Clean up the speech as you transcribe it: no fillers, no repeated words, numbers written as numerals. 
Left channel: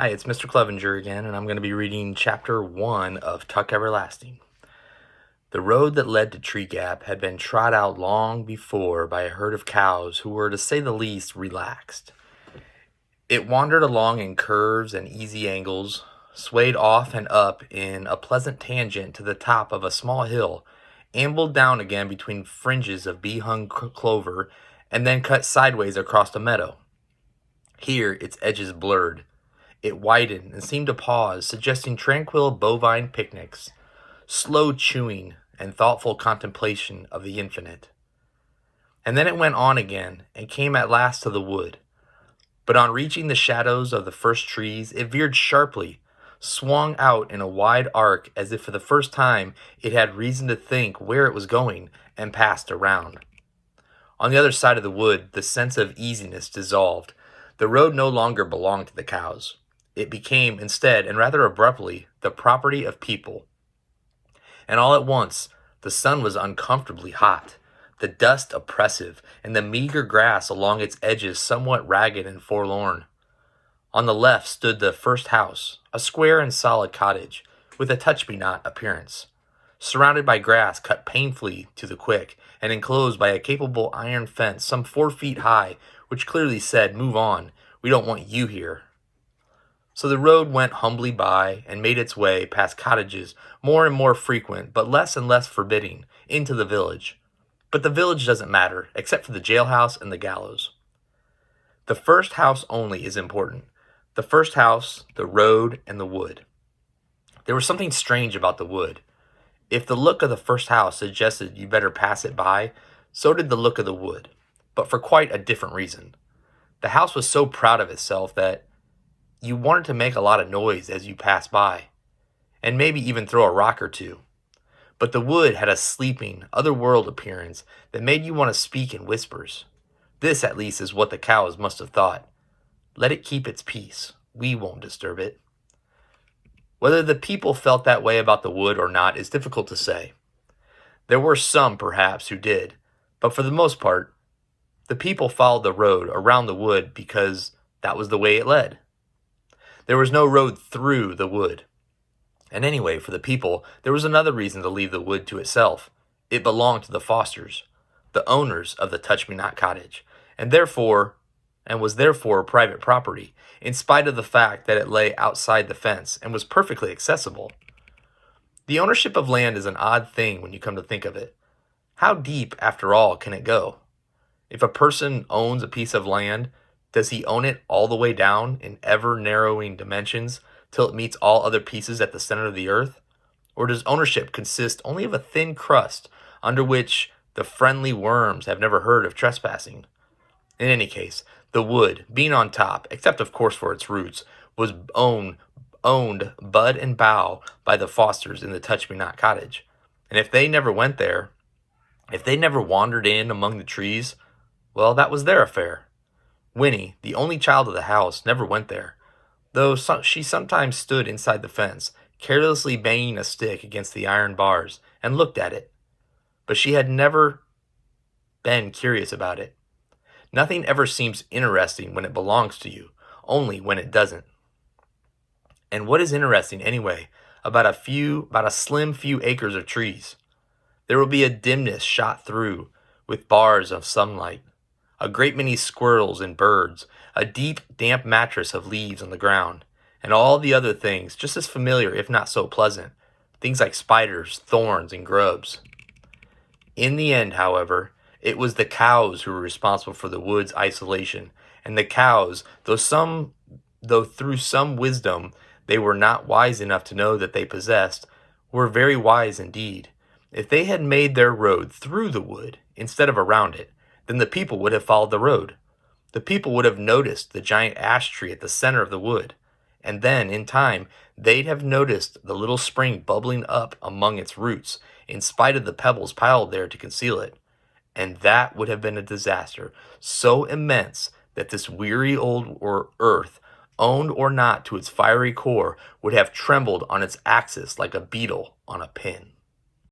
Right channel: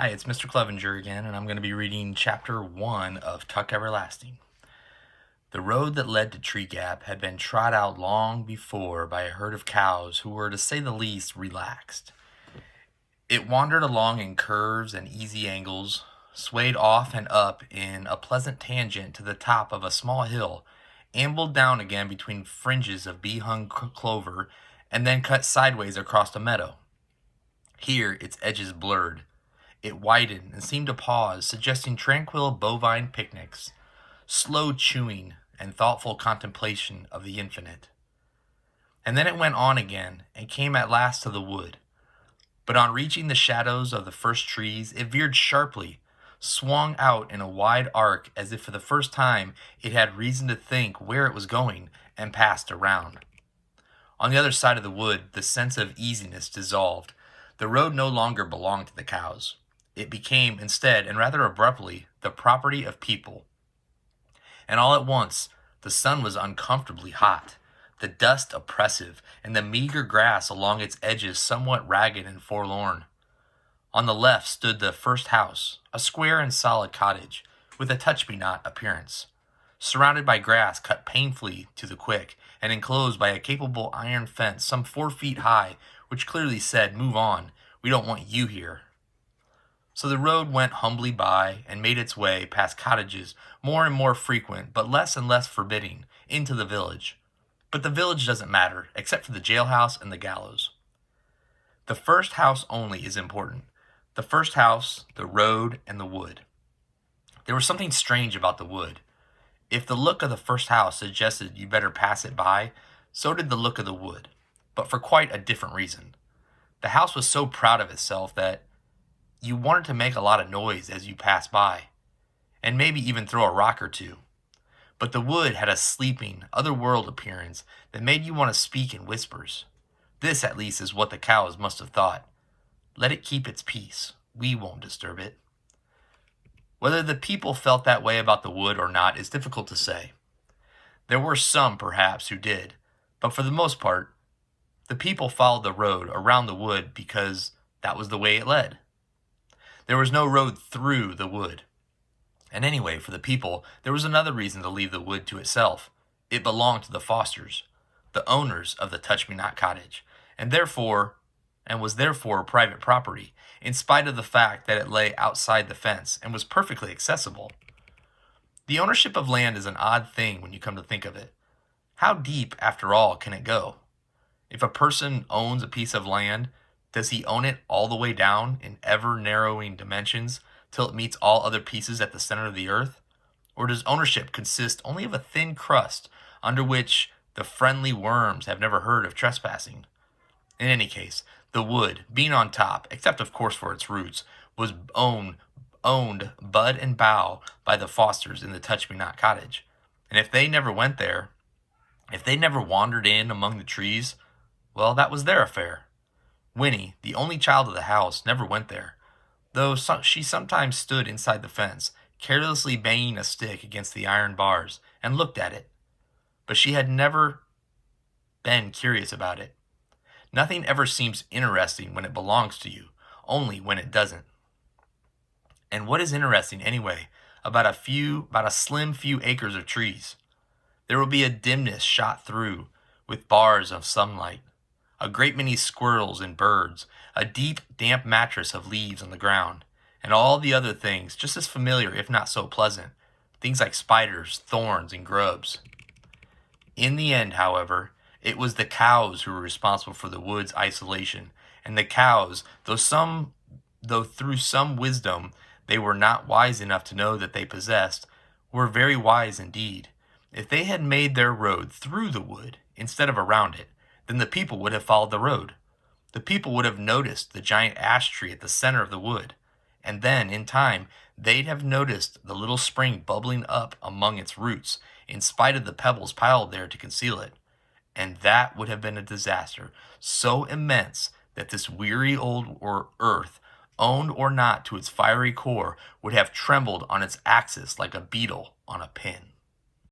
Hi, it's Mr. Clevenger again, and I'm going to be reading Chapter 1 of Tuck Everlasting. The road that led to Tree Gap had been trod out long before by a herd of cows who were, to say the least, relaxed. It wandered along in curves and easy angles, swayed off and up in a pleasant tangent to the top of a small hill, ambled down again between fringes of bee-hung clover, and then cut sideways across the meadow. Here its edges blurred. It widened and seemed to pause, suggesting tranquil bovine picnics, slow chewing, and thoughtful contemplation of the infinite. And then it went on again, and came at last to the wood. But on reaching the shadows of the first trees, it veered sharply, swung out in a wide arc as if for the first time it had reason to think where it was going, and passed around. On the other side of the wood, the sense of easiness dissolved. The road no longer belonged to the cows. It became, instead, and rather abruptly, the property of people. And all at once, the sun was uncomfortably hot, the dust oppressive, and the meager grass along its edges somewhat ragged and forlorn. On the left stood the first house, a square and solid cottage, with a touch-me-not appearance, surrounded by grass cut painfully to the quick, and enclosed by a capable iron fence some 4 feet high, which clearly said, "Move on, we don't want you here." So the road went humbly by and made its way past cottages more and more frequent, but less and less forbidding, into the village. But the village doesn't matter, except for the jailhouse and the gallows. The first house only is important. The first house, the road, and the wood. There was something strange about the wood. If the look of the first house suggested you better pass it by, so did the look of the wood, but for quite a different reason. The house was so proud of itself that you wanted to make a lot of noise as you passed by, and maybe even throw a rock or two. But the wood had a sleeping, otherworld appearance that made you want to speak in whispers. This, at least, is what the cows must have thought. Let it keep its peace. We won't disturb it. Whether the people felt that way about the wood or not is difficult to say. There were some, perhaps, who did, but for the most part, the people followed the road around the wood because that was the way it led. There was no road through the wood. And anyway, for the people, there was another reason to leave the wood to itself. It belonged to the Fosters, the owners of the Touch-Me-Not cottage, and was therefore private property, in spite of the fact that it lay outside the fence and was perfectly accessible. The ownership of land is an odd thing when you come to think of it. How deep, after all, can it go? If a person owns a piece of land, does he own it all the way down in ever-narrowing dimensions till it meets all other pieces at the center of the earth? Or does ownership consist only of a thin crust under which the friendly worms have never heard of trespassing? In any case, the wood, being on top, except of course for its roots, was owned bud and bough by the Fosters in the Touch-Me-Not cottage. And if they never went there, if they never wandered in among the trees, well, that was their affair. Winnie, the only child of the house, never went there, though she sometimes stood inside the fence, carelessly banging a stick against the iron bars, and looked at it. But she had never been curious about it. Nothing ever seems interesting when it belongs to you, only when it doesn't. And what is interesting, anyway, about a slim few acres of trees? There will be a dimness shot through with bars of sunlight, a great many squirrels and birds, a deep, damp mattress of leaves on the ground, and all the other things just as familiar if not so pleasant, things like spiders, thorns, and grubs. In the end, however, it was the cows who were responsible for the wood's isolation, and the cows, though through some wisdom they were not wise enough to know that they possessed, were very wise indeed. If they had made their road through the wood instead of around it, then the people would have followed the road. The people would have noticed the giant ash tree at the center of the wood, and then, in time, they'd have noticed the little spring bubbling up among its roots, in spite of the pebbles piled there to conceal it. And that would have been a disaster so immense that this weary old earth, owned or not to its fiery core, would have trembled on its axis like a beetle on a pin.